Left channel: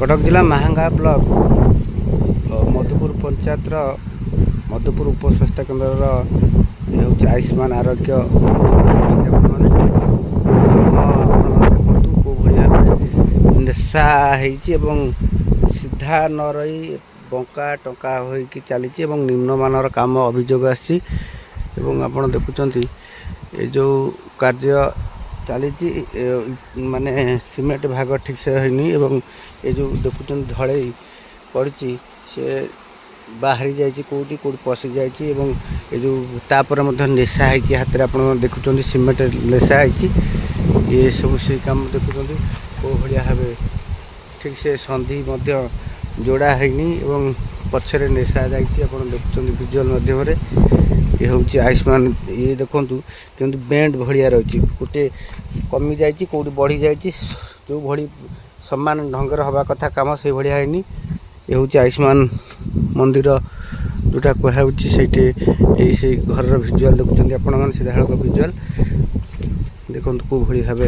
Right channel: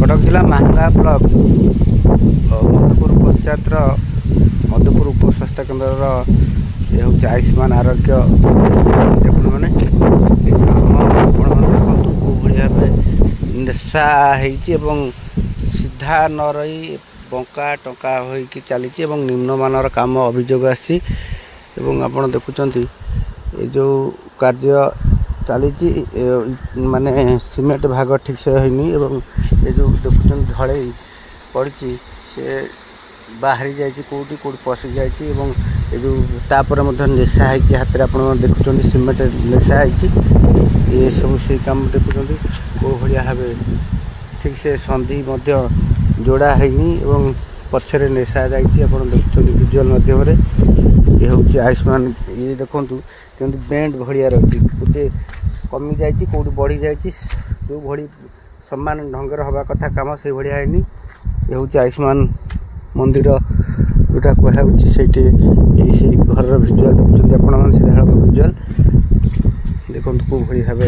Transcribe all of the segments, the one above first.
कटक जिला महांगा ब्लॉक मधुपुर पंचायत मधुपुर उपस्वास्थ्य केन्द्र ये हूँ आयुष्मान आरोग्य मैंने देखु कौ भाव नेशा हो सीधा न रही बंका टंका हो चली निम्नमानर काम अभियोग आसी आप देखुं ये जो कार्य चली माने सीमेंट भाग ठीक से होनी ये जो देखुं ढल पड़ी से बाहरी जाइए कौटी कौटी पशि जाइए ये जो तापर नेशा है हाथ में आप देखुं सीमेंट नेशा है ये सब से काम देखुं कौ भाव ठीक से संधि जोड़ा है पछरे नेशा जाइए आप देखुं विजुअल माध्यम ये हूँ आयुष्मान ये देखूँ कि बेंड भाया रही गोटे कमी जाइए कौटी बढ़ी जाइए जो भली सम्मान ढंगर हवा कथा काम से भाया है ये हूँ आयुष्मान मंदिर जोटा कहुच्छी से घर विजुअल देखुं आपण सीधा विजुअल देखो कौ भली भाव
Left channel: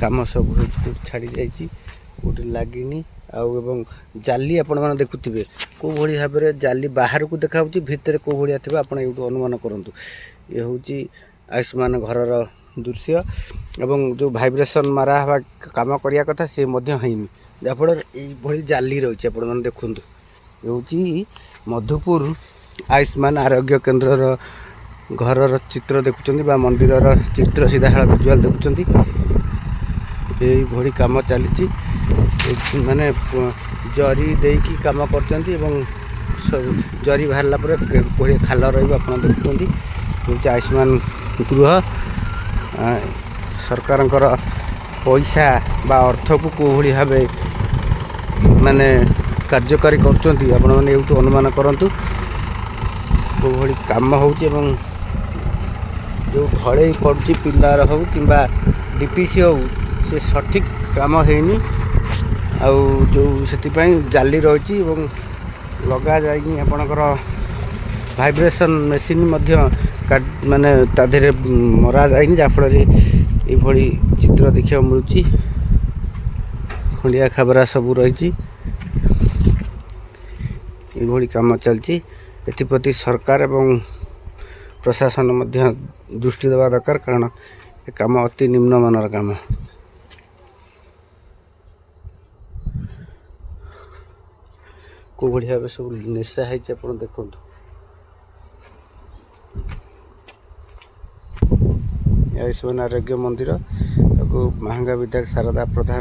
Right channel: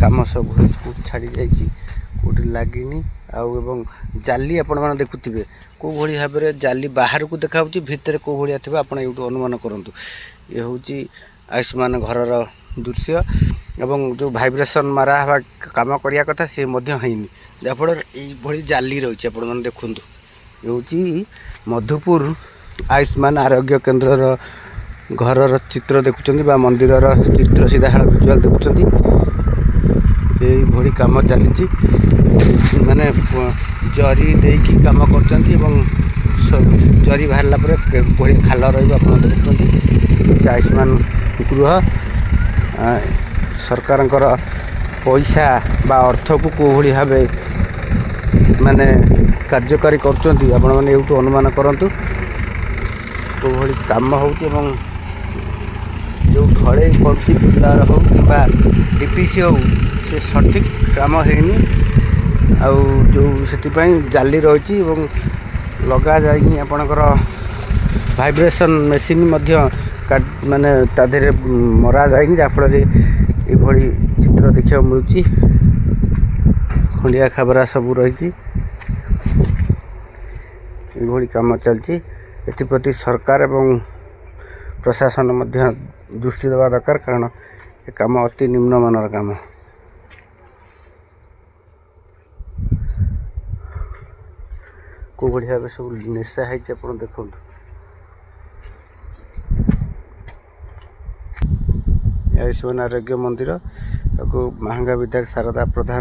कम सब छाड़ी जाइए कौटी लगिनी आउ जाली आपण मैंने देखुवे कौ भली भाव जाली बाहर को देखा भितर कौ भाया थे आप अनुमान करूँ ये हूँ आयुष्मान घर दृश्य एवं जो भाइब्रेसन मारा हवा काम करने कथा सी होनी जहाँफल ये जाली रही है देखूँ ये हूँ मधुपुर आयुष्मान आरोग्य केन्द्र घर चित्र देखुं मंदिर चित्र सीधा विजुअल देखुं ये कम चली माने जरी देकी कम कर जरी बाहरला खाल रहा देखुं आयुष्मान गृह सरकार पैसा बा अर्थ को कौ भाव माने कार्यकारी कर अनुमान करूँ कौ भाई कम हो जो ढल पड़ी पिलार हो कि डीपीसी हो से सठिक काम होनी जो से जाली रही लगा जाए आपणकर भाइब्रेसन मेसीन माने ताधे मरा जाए जहाँफल ये चित्र देखा मिलूँ खंडिया खाबरा सब रही ये कम चलती एप्रति सरकार एवं प्रशासन दृष्टि देवा दरकार कारण ये कम अति निम्नमानर काम कौ भाव सब नेशा है देखो आयुष्मान आरोग्य मंदिर महांगा विधायक शारदा प्रधान।